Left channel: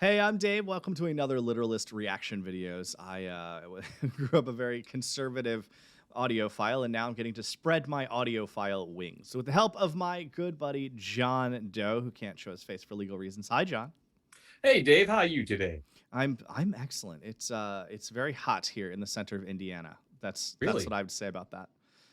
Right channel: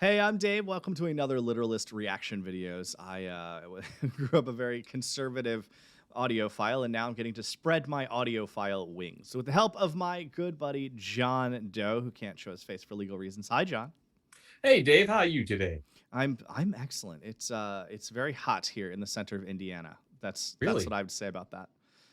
Hey, I'm Dave. Welcome to another Literalist reaction videos. I grew up a very conservative audiophile, and now I'm getting to spread my audiophile wings. So with the help of my good buddy, John Doe, who can't show his face for legal reasons. Hi, John. Hey Dave, how are you today? I'm excellent. It's very hot here in the center of Indiana. That's what Really? I would say about that.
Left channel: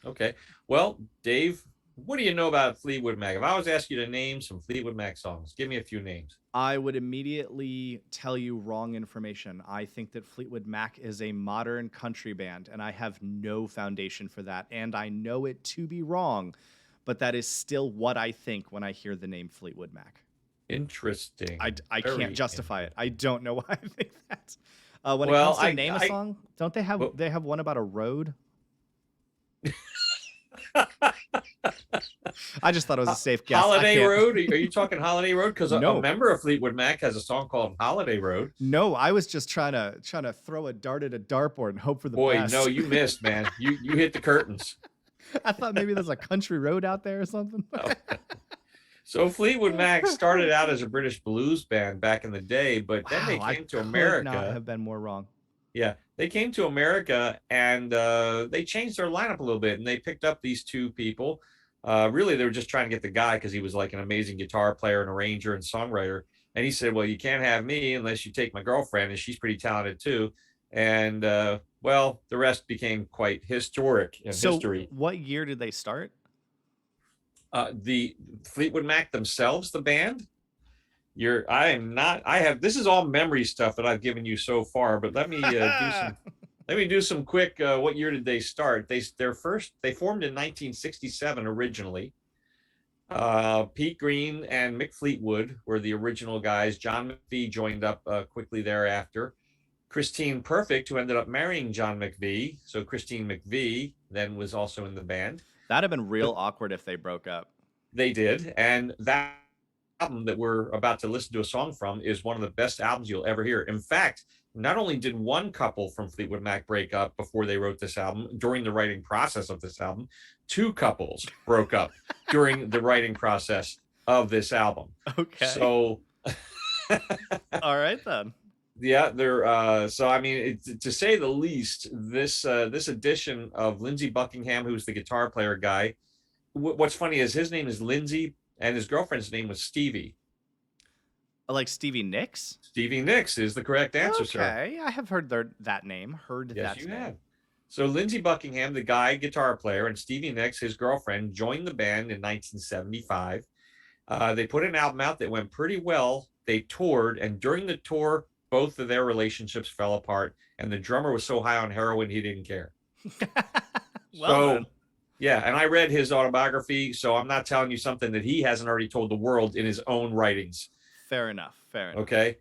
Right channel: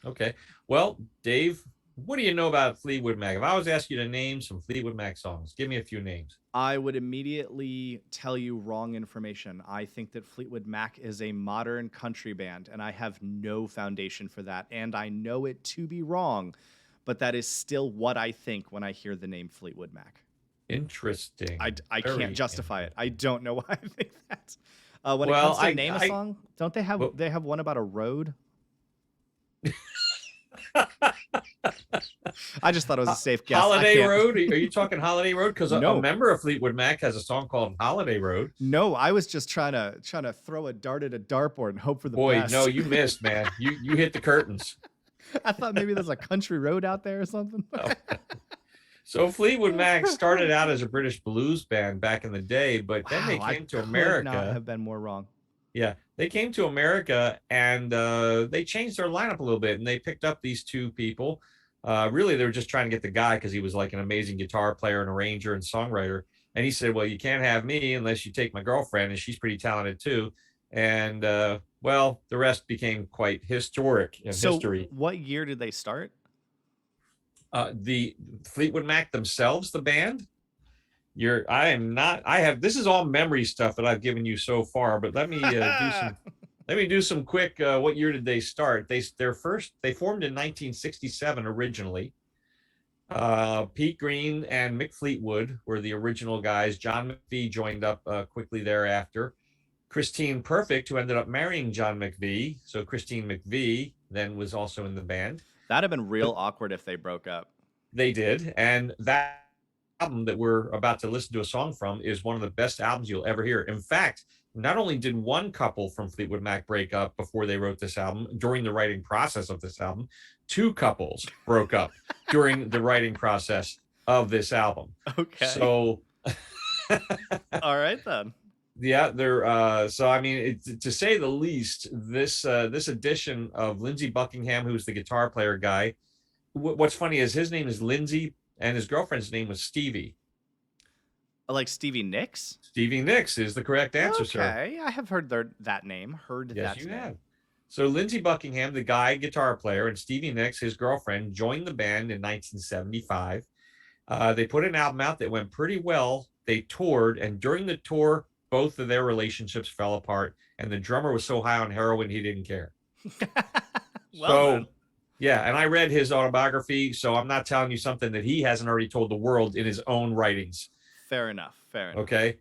Okay. Well, Dave, what do you know about Fleetwood Mac? If I was to ask you to name some Fleetwood Mac songs, give me a few names. I would immediately tell you wrong information. I think that Fleetwood Mac is a modern country band, and I have no foundation for that. And I know it to be wrong, but that is still what I think when I hear the name Fleetwood Mac. Interesting. I can't Very justify it. I don't know why I think that. When it well. comes to name a song, don't they have Well, they have one about a road? I just thought it was a safe guess. I Holiday can't. Road. Are you talking Holiday Road? Because a No, member of Fleetwood Mac has a song called Holiday Road. no. I was just trying to throw a dart at a dartboard and hope for the Boy, no, best. you missed, man. You hit the curtains. I thought maybe there's a country road out there or something. Oh. So Fleetwood Mac started out as a British blues band back in the day, but then they Wow, I came to could not America. have been more wrong. Yeah, they came to America and they changed their lineup a little bit, and they picked up these two people. Really, they were just trying to get the guy because he was like an amazing guitar player and arranger and songwriter. And he said, "Well, you can't have me unless you take my girlfriend, and she's pretty talented too." And well, the rest became quite historic in So, history. what year did they start? The Fleetwood Mac themselves, the band. I am not. I have. This is all memory stuff that I've given you so far. But let me do some. Let me do some quick. What year did they start? They formed in 1967 originally. Pete Green and Mick Fleetwood were the original guys. John McVie joined up quickly thereafter. Christine Perfect, who ended up marrying John McVie. So Christine McVie then was also in the band. That'd have been real awkward if they broke up. They did, and that album that we're about to listen to a song from is one of the best albums you'll ever hear. In fact, not only did one couple from Fleetwood Mac break up before they wrote this album, during the writing process of this album, two couples broke up during the writing process of this album. Okay. So, all right then. Yeah, they're so I mean, to say the least, this edition of Lindsey Buckingham, who's the guitar player guy. What's funny is his name is Lindsey, and his girlfriend's name was Stevie. Like Stevie Nicks? Stevie Nicks is the correct answer, sir. Okay, I have heard that name. Yes, you have. So Lindsey Buckingham, the guy guitar player, and Stevie Nicks, his girlfriend, joined the band in 1975. They put an album out that went pretty well. They toured, and during the tour, both of their relationships fell apart, and the drummer was so high on heroin he didn't care. Then. Yeah, and I read his autobiography, so I'm not telling you something that he hasn't already told the world in his own writings. Fair enough. Okay.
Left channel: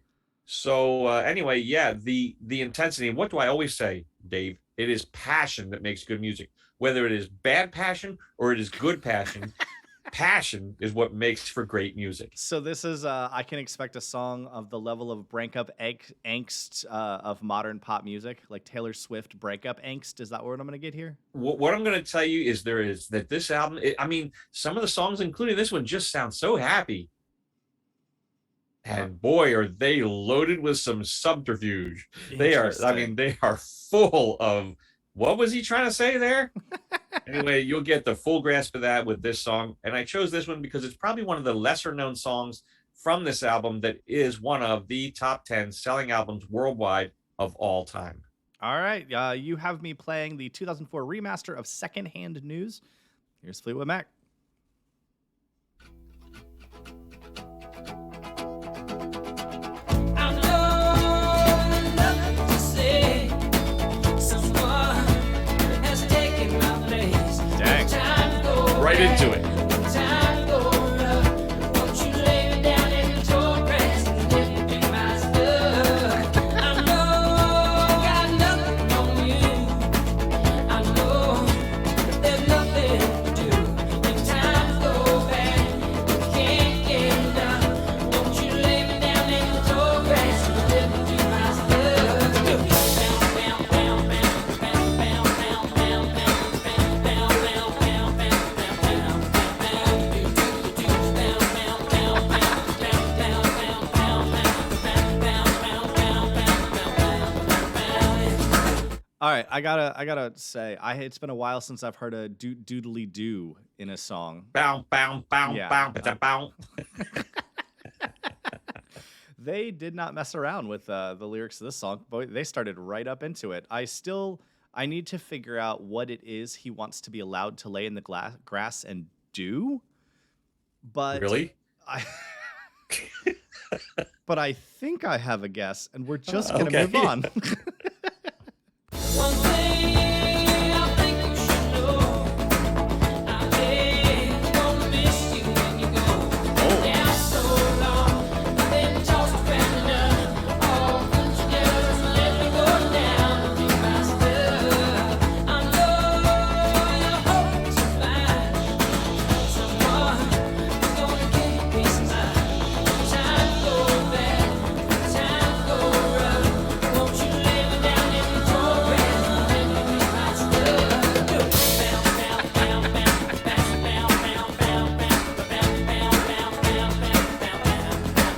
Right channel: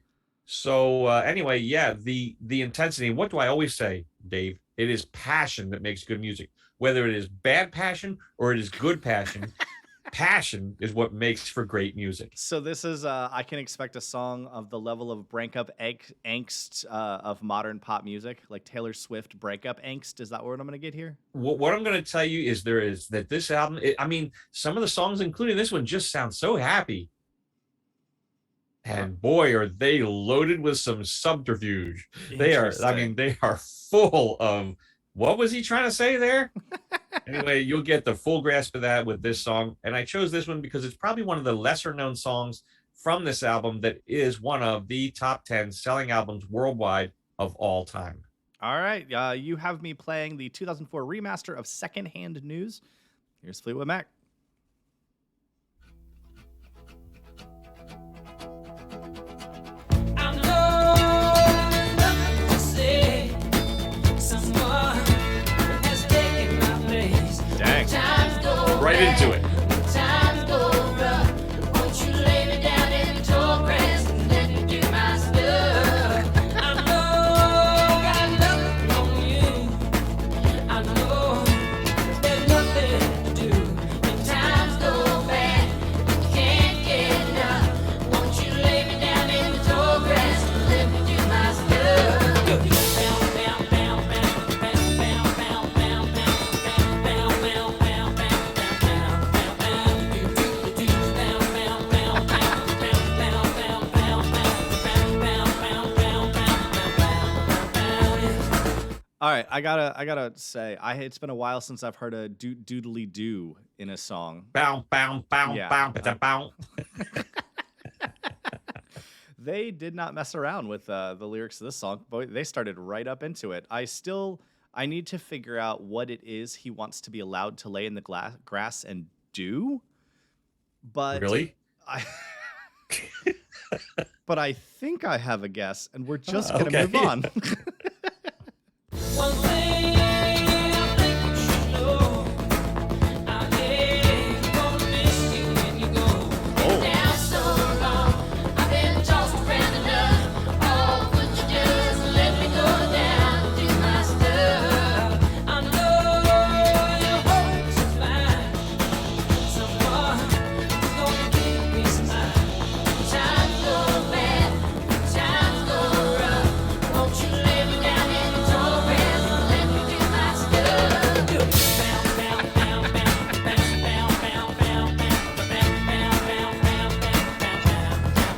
So anyway, yeah, the intensity. And what do I always say, Dave? It is passion that makes good music. Whether it is bad passion or it is good passion, passion is what makes for great music. So this is I can expect a song of the level of breakup angst of modern pop music, like Taylor Swift breakup angst. Is that what I'm going to get here? What I'm going to tell you is that this album, I mean, some of the songs, including this one, just sound so happy. And boy, are they loaded with some subterfuge. They are, I mean, they are full of, what was he trying to say there? Anyway, you'll get the full grasp of that with this song. And I chose this one because it's probably one of the lesser known songs from this album that is one of the top 10 selling albums worldwide of all time. All right. You have me playing the 2004 remaster of Secondhand News. Here's Fleetwood Mac. Right into it. All right, I gotta say, it's been a while since I've heard a doodly doo in a song. Bow, bow, bow, Yeah, bow, ba bow. they did not mess around with the lyrics of this song. Boy, they started right up into it. I need to figure out what it is he wants to be allowed to lay in the grass and do, but Really? I but I think I have a guess, and we're just gonna Okay. move on. One thing I think you should know, I really gonna miss you when you go. Down so long, I've been tossed around enough. Oh, would you just let me go down and do my stuff? I know your heart is fine. Someone is gonna keep me smile. Times go bad, times go rough. Won't you lay me down in the dark and let me do my stuff? Do it. Bow, bow, bow, bow, bow, bow, bow, bow, bow, bow, bow, bow, bow,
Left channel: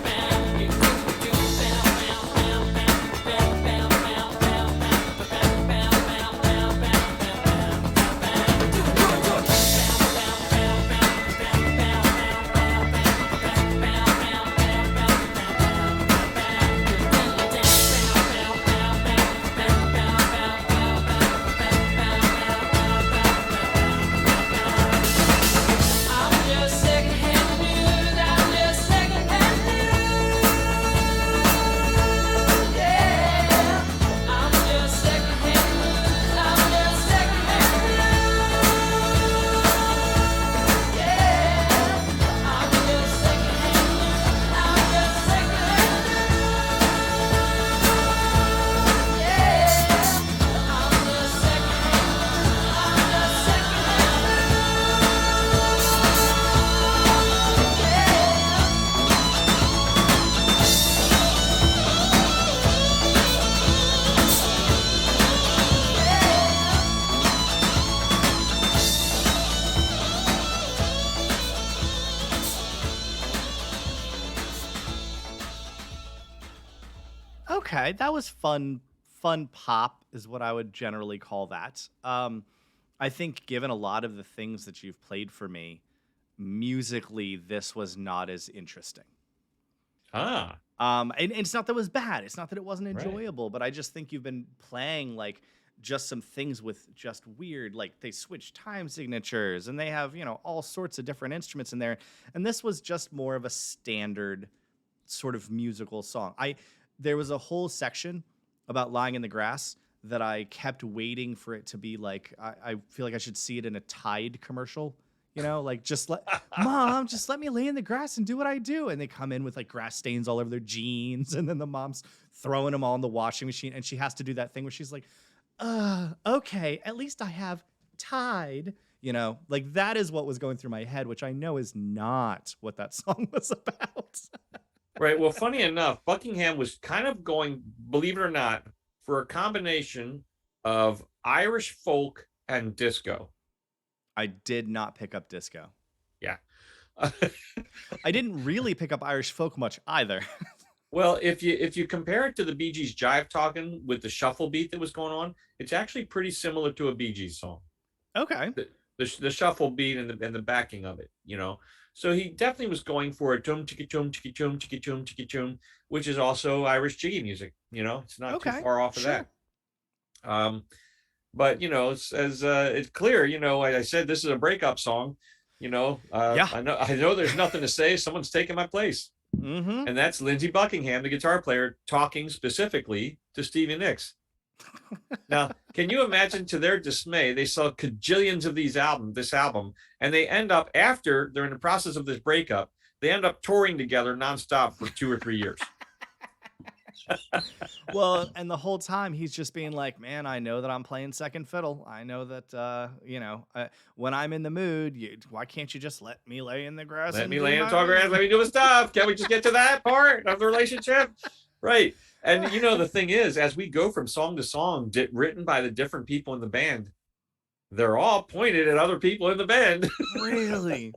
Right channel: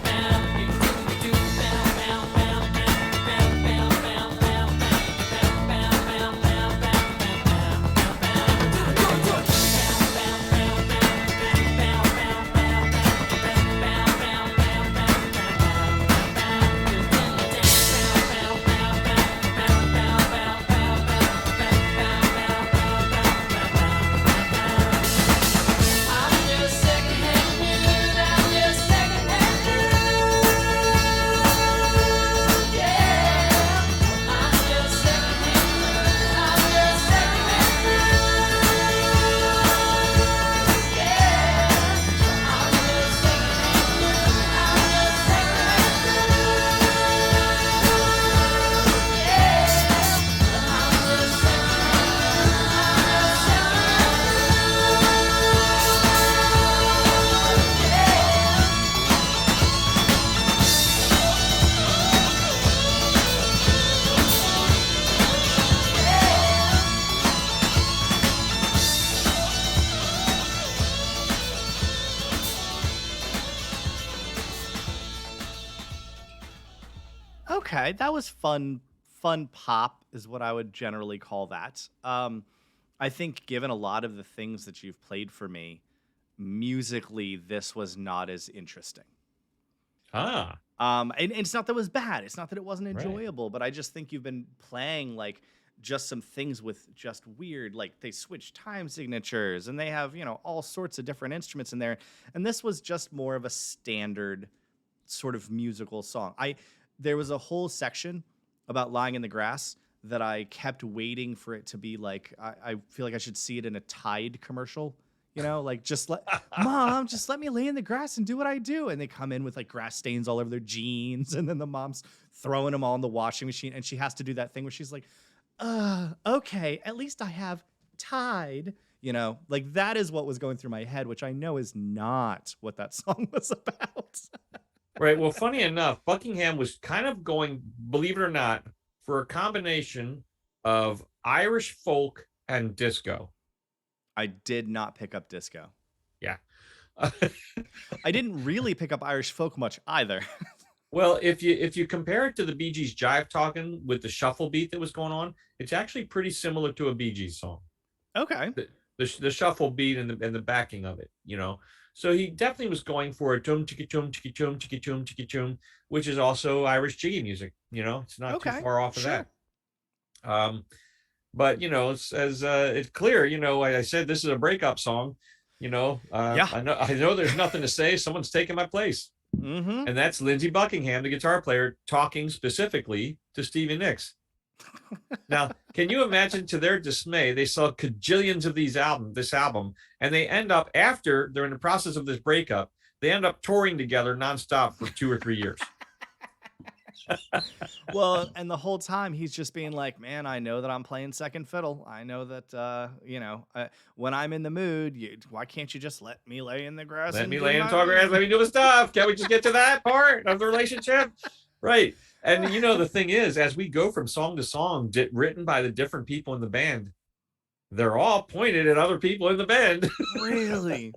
bow. You do bow, bow, bow, bow, bow, bow, bow, bow, bow, bow, bow, bow, bow, bow. Do it, do it, do it. I'm just secondhand news. I'm just secondhand news. Yeah. I'm just secondhand news. I'm just secondhand news. Yeah. I'm just secondhand news. I'm just secondhand news. Yeah. I'm just Okay, that was fun. Fun pop is what I would generally call that. I think given a lot of the things that you've played for me, musically, this was not as interesting. Ah, And it's not that it was bad. It's not that it wasn't right. enjoyable, but I just think you've been playing like just some things with just weird, like they switch time signatures and they have, all sorts of different instruments in there. And this was just more of a standard sort of musical song. There was a whole section about lying in the grass that I kept waiting for it to be like I feel like I should see it in a Tide commercial. Like just let mom, just let me lay in the grass and do what I do. And they come in with like grass stains all over their jeans, and then the mom's throwing them all in the washing machine, and she has to do that thing where she's like, okay, at least I have Tide. Like that is what was going through my head, which I know is not what that song was about. Right. Well, funny enough, Buckingham was kind of going, believe it or not, for a combination of Irish folk and disco. I did not pick up disco. Yeah. I didn't really pick up Irish folk much either. Well, if you compare it to the Bee Gees jive talking with the shuffle beat that was going on, it's actually pretty similar to a Bee Gees song. Okay. The shuffle beat and the backing of it, So he definitely was going for a tum chiki tum chiki tum chiki tum chiki tum, which is also Irish jiggy music. It's not too far off of that. But it's clear. I said this is a breakup song. Yeah. I know there's nothing to say. Someone's taking my place, Mm-hmm. and that's Lindsey Buckingham, the guitar player, talking specifically to Stevie Nicks. Now, can you imagine, to their dismay, they sell cajillions of this album, and they end up, after they're in the process of this breakup, they end up touring together nonstop for 2 or 3 years. Well, and the whole time he's just being like, man, I know that I'm playing second fiddle. I know that, when I'm in the mood, why can't you just let me lay in the grass? Let and me do lay in my talk around, thing?" let me do the stuff. Can't we just get to that part of the relationship? Right. And the thing is, as we go from song to song, written by the different people in the band, they're all pointed at other people in the band. Really?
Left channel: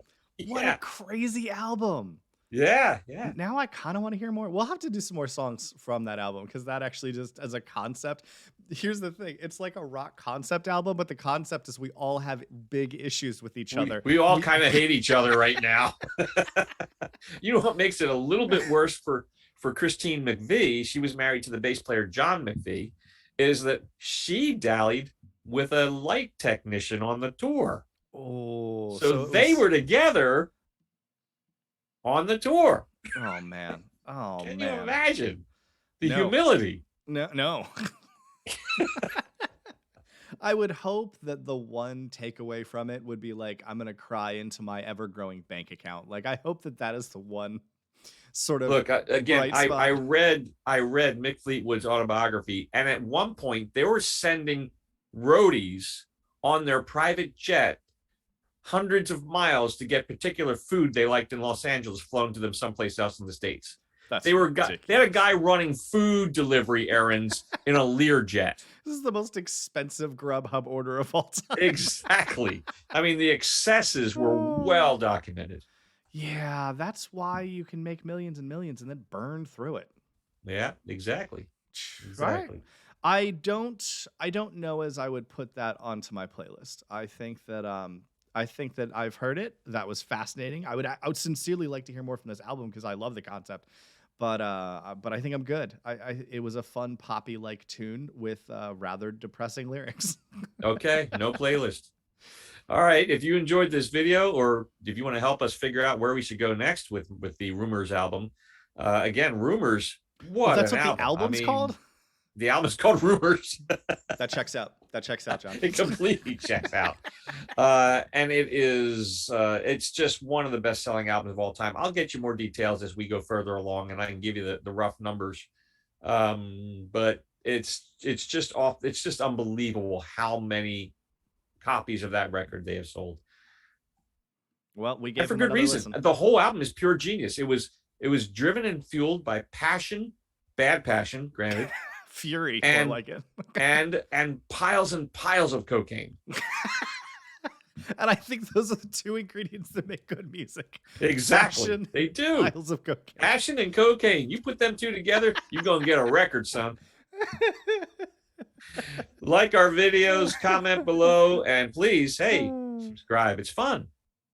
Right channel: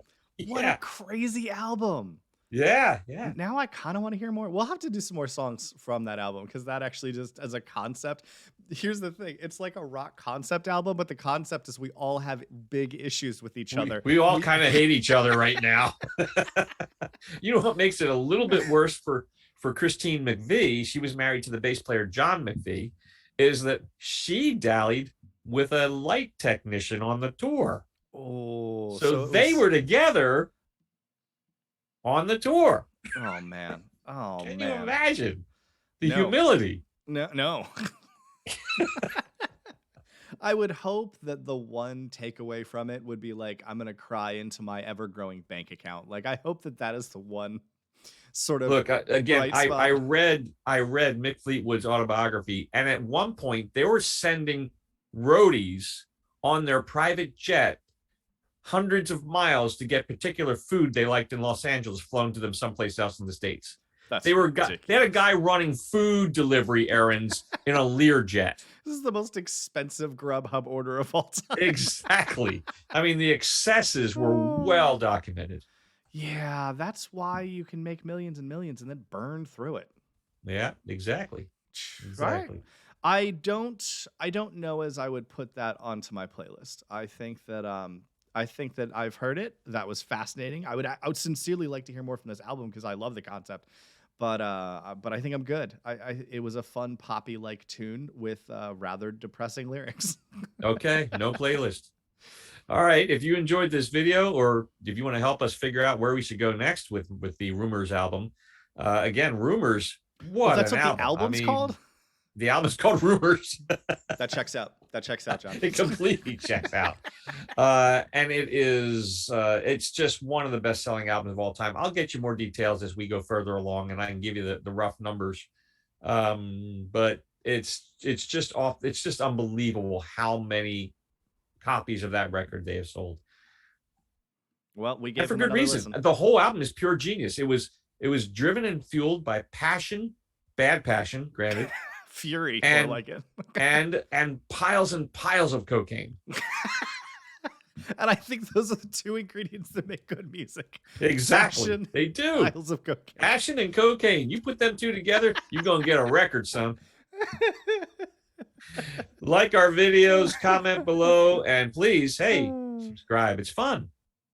What Yeah. a crazy album. Yeah, yeah. Now I kind of want to hear more. We'll have to do some more songs from that album because that actually just as a concept. Here's the thing: it's like a rock concept album, but the concept is we all have big issues with each other. We all kind of hate each other right now. You know what makes it a little bit worse for Christine McVie? She was married to the bass player John McVie. Is that she dallied with a light technician on the tour? Oh, So they were together on the tour. Oh man. Oh Can man. you imagine the No. humility? No. I would hope that the one takeaway from it would be like, I'm gonna cry into my ever-growing bank account. Like, I hope that that is the one sort of Look, again, bright spot. I read Mick Fleetwood's autobiography, and at one point they were sending roadies on their private jet hundreds of miles to get particular food they liked in Los Angeles flown to them someplace else in the States. That's They ridiculous. had a guy running food delivery errands in a Learjet. This is the most expensive Grubhub order of all time. Exactly. I mean, the excesses were well documented. Yeah, that's why you can make millions and millions and then burn through it. Yeah, exactly. Right? Exactly. I don't know as I would put that onto my playlist. I think that I've heard it. That was fascinating. I would sincerely like to hear more from this album because I love the concept. But I think I'm good. It was a fun poppy like tune with rather depressing lyrics. Okay, no playlist. All right. If you enjoyed this video, or if you want to help us figure out where we should go next with the Rumors album, again, Rumors. What? That's an what the album's I mean, called? The album's called Rumors. That checks out. That checks out, John. It completely checks out. And it is, it's just one of the best selling albums of all time. I'll get you more details as we go further along, and I can give you the rough numbers. But it's just unbelievable how many copies of that record they have sold. Well, we And gave for them good another reason. listen. The whole album is pure genius. It was driven and fueled by passion, bad passion, granted, Fury, and- more like it. and piles and piles of cocaine. And I think those are the two ingredients that make good music. Exactly. Passion, They do. Piles of cocaine. Passion and cocaine. You put them two together, you're going to get a record, son. Like our videos, comment below, and please, hey, subscribe. It's fun.